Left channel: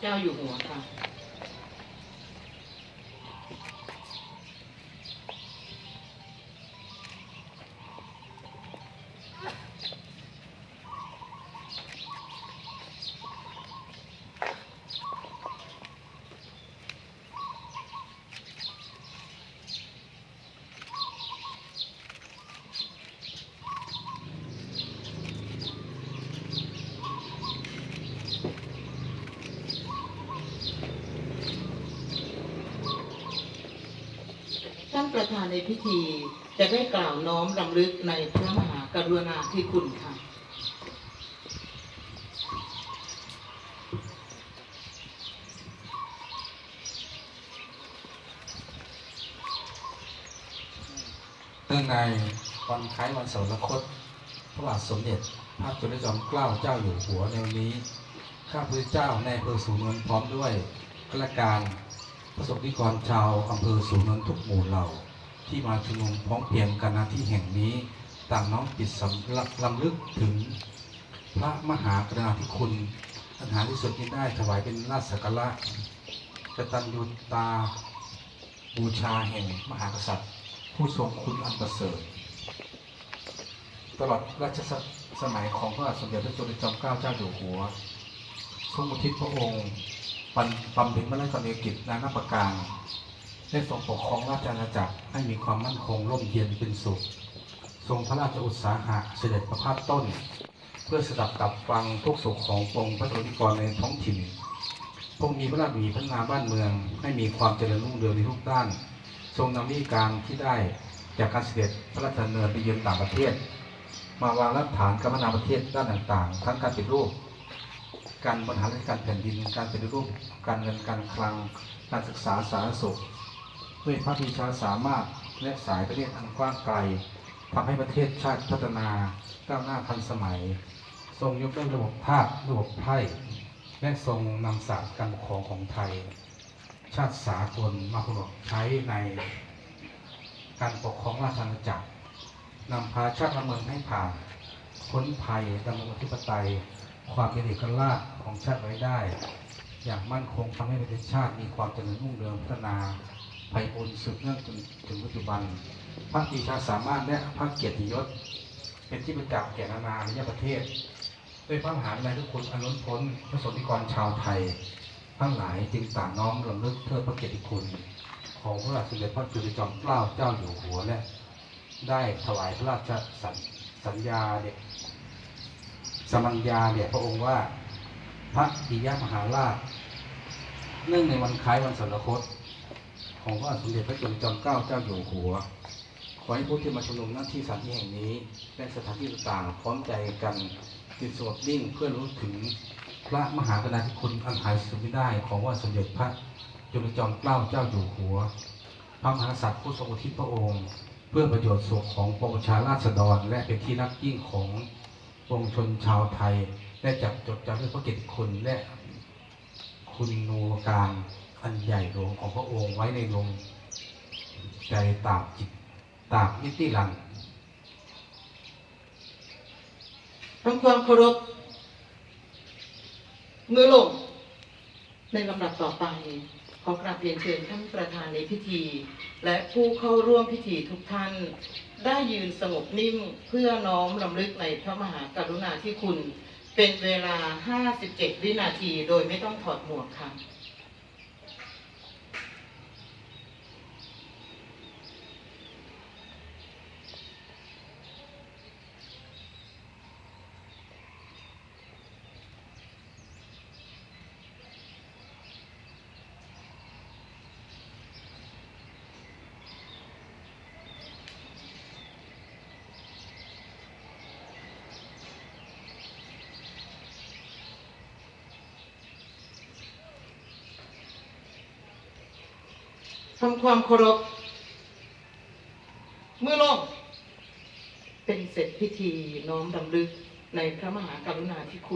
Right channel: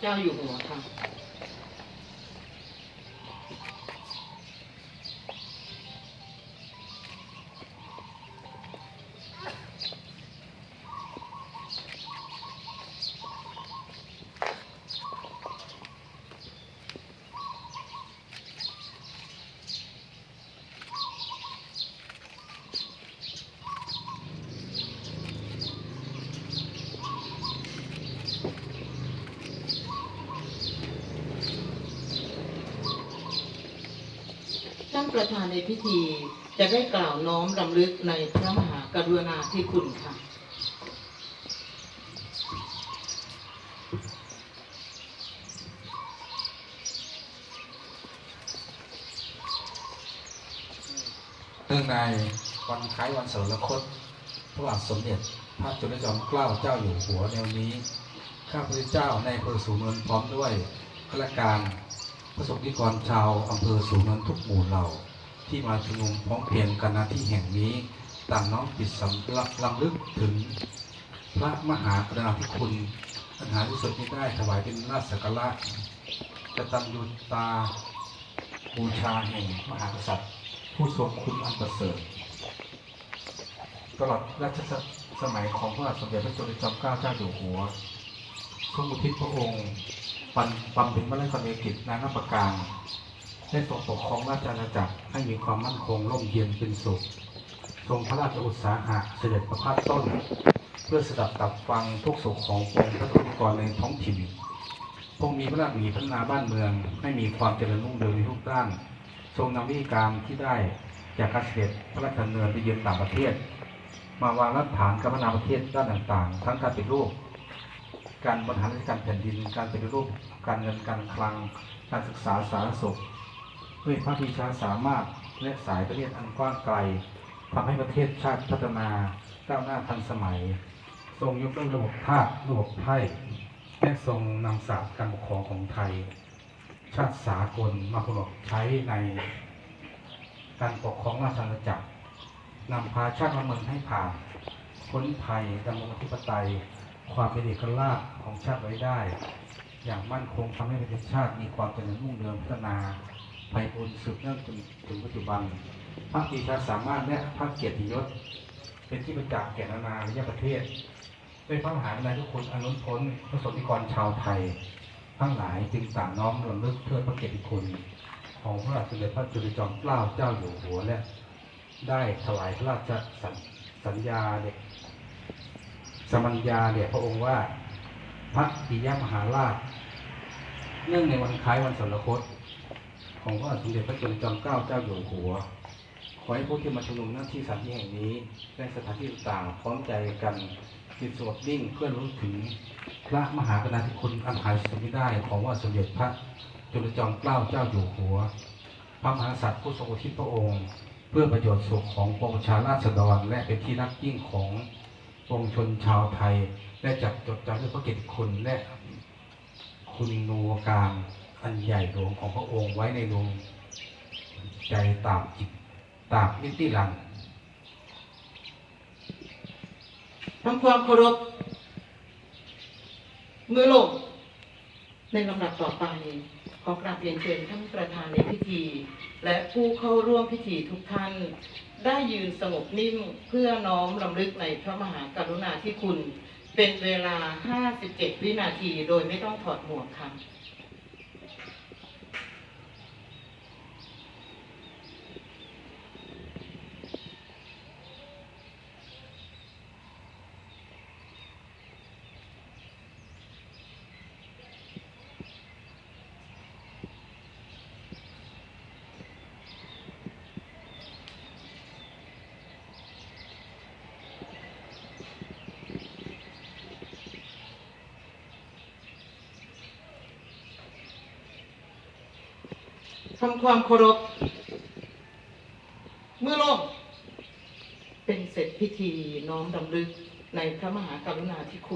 เจ้าอยู่หัวค่ะ ประธานในพิธี จะได้กล่าวน้อมรำลึกในพระมหากรุณาธิคุณค่ะเนื่องในวันคล้ายวันสวรรคตพระบาทสมเด็จ พระจุลจอมเกล้าเจ้าอยู่หัวในวันนี้ ข้าพเจ้าในอำเภอสูนินพร้อมด้วยข้าราชการ ประสบนิกรชาวอำเภอสูงนนทุกหมู่เหล่า ที่มาชุมนุมพร้อมเพรียงกันณที่แห่งนี้ต่างน้อมจิตสำลักลำลึกถึง พระมหากรุณาธิคุณอันหาที่สุดที่ได้ถวายเป็นราชสักการะกตัญญูตาบูชาแห่งมหากษัตริย์ ผู้ทรงคุณอันประเสริฐตลอดรัชสมัยของพระบาทสมเด็จพระจุลจอมเกล้าเจ้าอยู่หัวทรงอุทิศพระองค์ ปันบำเพ็ญพระราชกรณียกิจนานาประการได้ทรงปกครองราชอาณาจักรให้มีความมั่นคงร่มเย็นเป็นสุข ทรงพระราชอุตสาหะเสด็จประพาสต้น เพื่อสดับตับฟังทุกสุขของปวงพระสงฆ์กรในท้องถิ่นพงมีพระราชบีพัฒนาบ้านเมืองให้มีความเจริญรุ่งเรืองในทุกด้าน ทรงนำวิธีการที่ได้จากการเสด็จพระราชดำเนินไปเยือนต่างประเทศ มาวางรากฐานการพัฒนาประเทศด้านต่างๆ ทั้งการปฏิรูป การบริหารราชการแผ่นดิน การปฏิรูปการเงินการคลัง การศึกษาสาธารณสุขด้วยพระปีชาสามารถและสายประเทศอันกว้างไกลทำให้ประเทศชาติพัฒนาก้าวหน้าทันสมัย ทรงยกเลิกระบบทาสระบบไพ่และทรงนำศาสตร์การปกครองของไทย ชาติสากลมาประกอบใช้ในการปกครองราชอาณาจักรนำพาชาติละเมืองให้ผ่านพ้นภัยดำรงอธิปไตย ความเป็นเอกราชของชาติไว้ได้ อย่างมั่นคงทำให้ประเทศชาติมีความเจริญรุ่งเรืองพัฒนาไปบุญสืบเนื่องจนถึงปัจจุบัน พระปีชาสามารถและพระเกียรติยศ เป็นที่ประจักษ์แก่นานาอารยประเทศด้วยพระมหากรุณาธิคุณอนุนพ้นพระสงฆ์นิกรชาวไทย ทั้งหลายจึงต่างน้อมรำลึกเทิดพระเกียรติคุณ ของพระบาทสมเด็จพระจุลจอมเกล้าเจ้าอยู่หัวและได้ถวายพระราชสัญสัญญาเด็ก สมัญญาเนี่ยพระองค์ว่าพระปิยมหาราชเนื่องในวันคล้ายวันสรรคต ของพระสมเด็จพระจุลจอมเกล้าเจ้าอยู่หัว ขอให้ผู้ที่มาชุมนุมหน้าที่สถานที่แห่งนี้และสถานที่ต่างๆพร้อมใจกันติดสวดดิ้งเพื่อรู้ถึงพระมหากรุณาธิคุณอันหาสุดไม่ได้ของว่าสมเด็จพระจุลจอมเกล้าเจ้าอยู่หัว พระมหากษัตริย์ผู้ทรงอุทิศพระองค์ เพื่อประโยชน์สุขของปวงชาราษฎรและเป็นที่รักยิ่งของ วงชนชาวไทยและจับจดจำด้วยพระเกียรติคุณและคุณนูการอันใหญ่หลวงของพระองค์ไว้ในดวงใจตาบจิตตาบนิติลังทำความเคารพมือลงในลำดับต่อไป ขอกราบเรียนเชิญท่านประธานในพิธี และผู้เข้าร่วมพิธีทุกท่าน ได้ยืนสงบนิ่งเพื่อน้อมลำลึกในพระมหากรุณาธิคุณ เป็นเวลา 57 วินาทีโดยไม่ต้องถอดหมวกค่ะ ทำความเคารพ เมื่อลงเป็นเสร็จพิธีน้อมดำลึกในพระมหากรุณาธิคุณ